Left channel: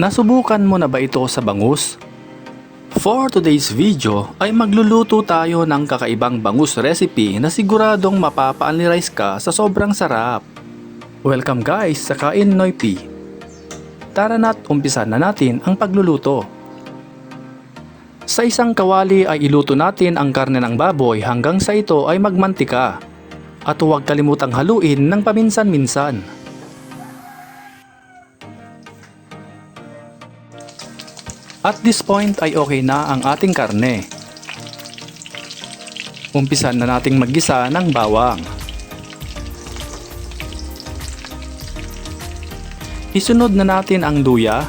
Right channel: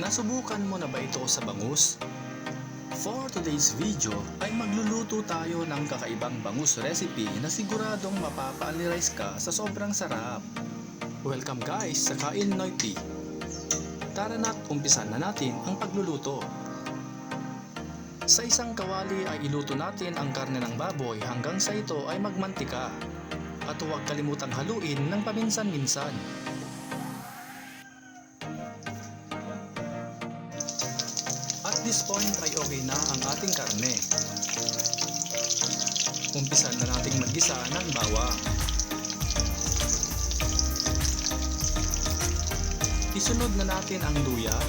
Nasubukan mo na ba ito sa bangus? For today's video ay magluluto tayo ng kakaibang bangus recipe na siguradong mapapa-unli-rice ka sa sobrang sarap. Welcome guys sa Kain Noy P. Tara na't umpisan na natin ang pagluluto. Sa isang kawali ay iluto natin ang karne ng baboy hanggang sa ito ay magmantika. At huwag kalimutang haluin ng paminsan-minsan. At this point ay okay na ang ating karne. Umpisan na nating maggisa ng bawang. Isunod na natin ang luya.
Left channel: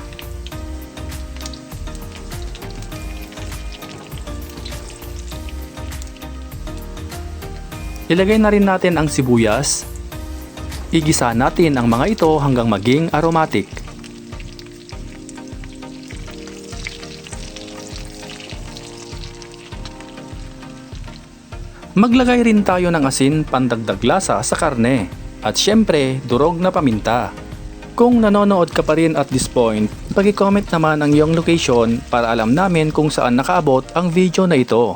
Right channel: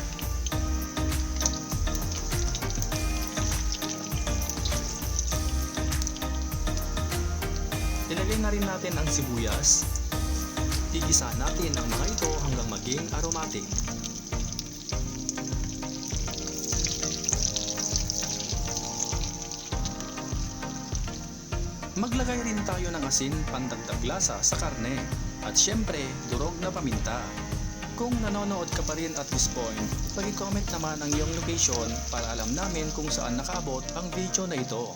Ilagay na rin natin ang sibuyas. Igisa natin ang mga ito hanggang maging aromatic. Maglagay rin tayo ng asin pandagdag lasa sa karne at syempre durog na paminta. Kung nanonood ka pa rin at this point, pag-comment naman ang iyong location para alam namin kung saan nakaabot ang video na ito.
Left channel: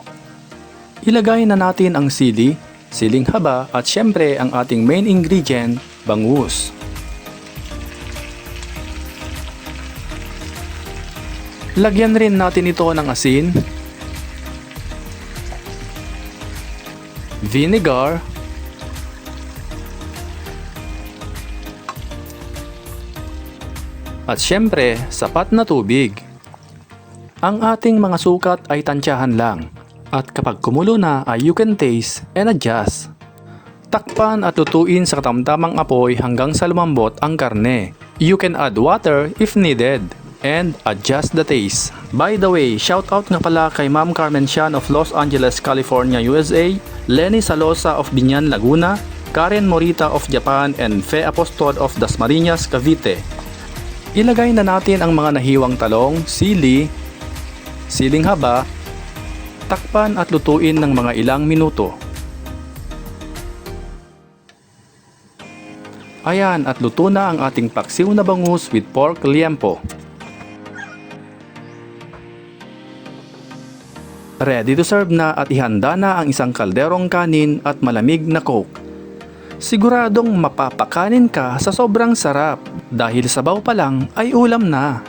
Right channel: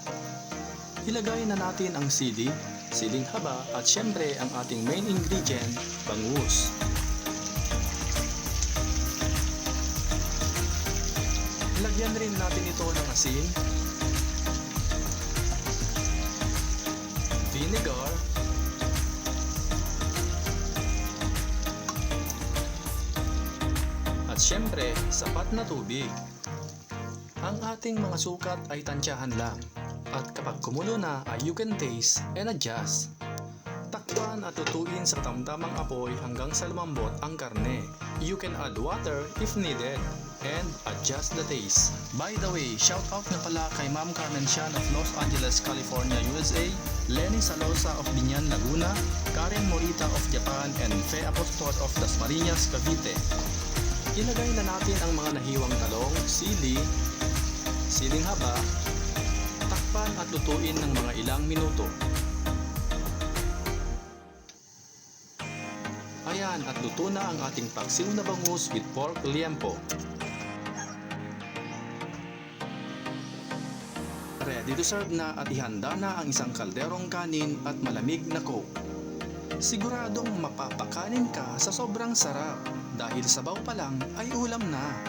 Ilagay na natin ang sili, siling haba at syempre ang ating main ingredient, bangus. Lagyan rin natin ito ng asin, vinegar, at syempre sapat na tubig. Ang ating mga sukat ay tansyahan lang at kapag kumulo na ay you can taste and adjust. Takpan at lutuin sa katamtamang apoy hanggang sa lumambot ang karne. You can add water if needed and adjust the taste. By the way, shout out nga pala kay Ma'am Carmen Sian of Los Angeles, California, USA, Lenny Salosa of Binyan, Laguna, Karen Morita of Japan, and Fe Apostol of Dasmariñas, Cavite. Ilagay na natin ang mga nahiwang talong, sili, siling haba, takpan at lutuin ng mga ilang minuto. Ayan at luto na ang ating paksiw na bangus with pork liempo. Ready to serve na at ihanda na ang isang kalderong kanin at malamig na coke. Siguradong mapapakanin ka sa sobrang sarap dahil sabaw pa lang ay ulam na.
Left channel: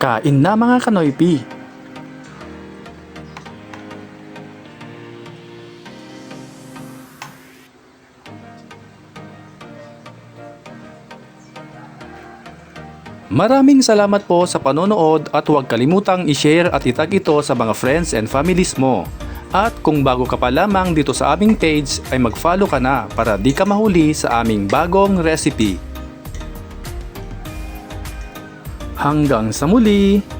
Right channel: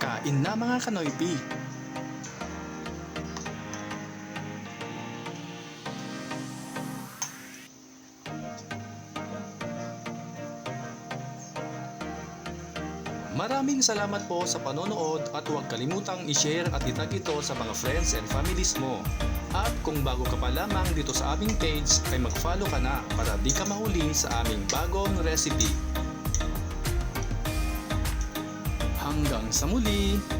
Kain na mga kanoypi! Maraming salamat po sa panonood at huwag kalimutang i-share at itag ito sa mga friends and families mo. At kung bago ka pa lamang dito sa aming page ay mag-follow ka na para di ka mahuli sa aming bagong recipe. Hanggang sa muli!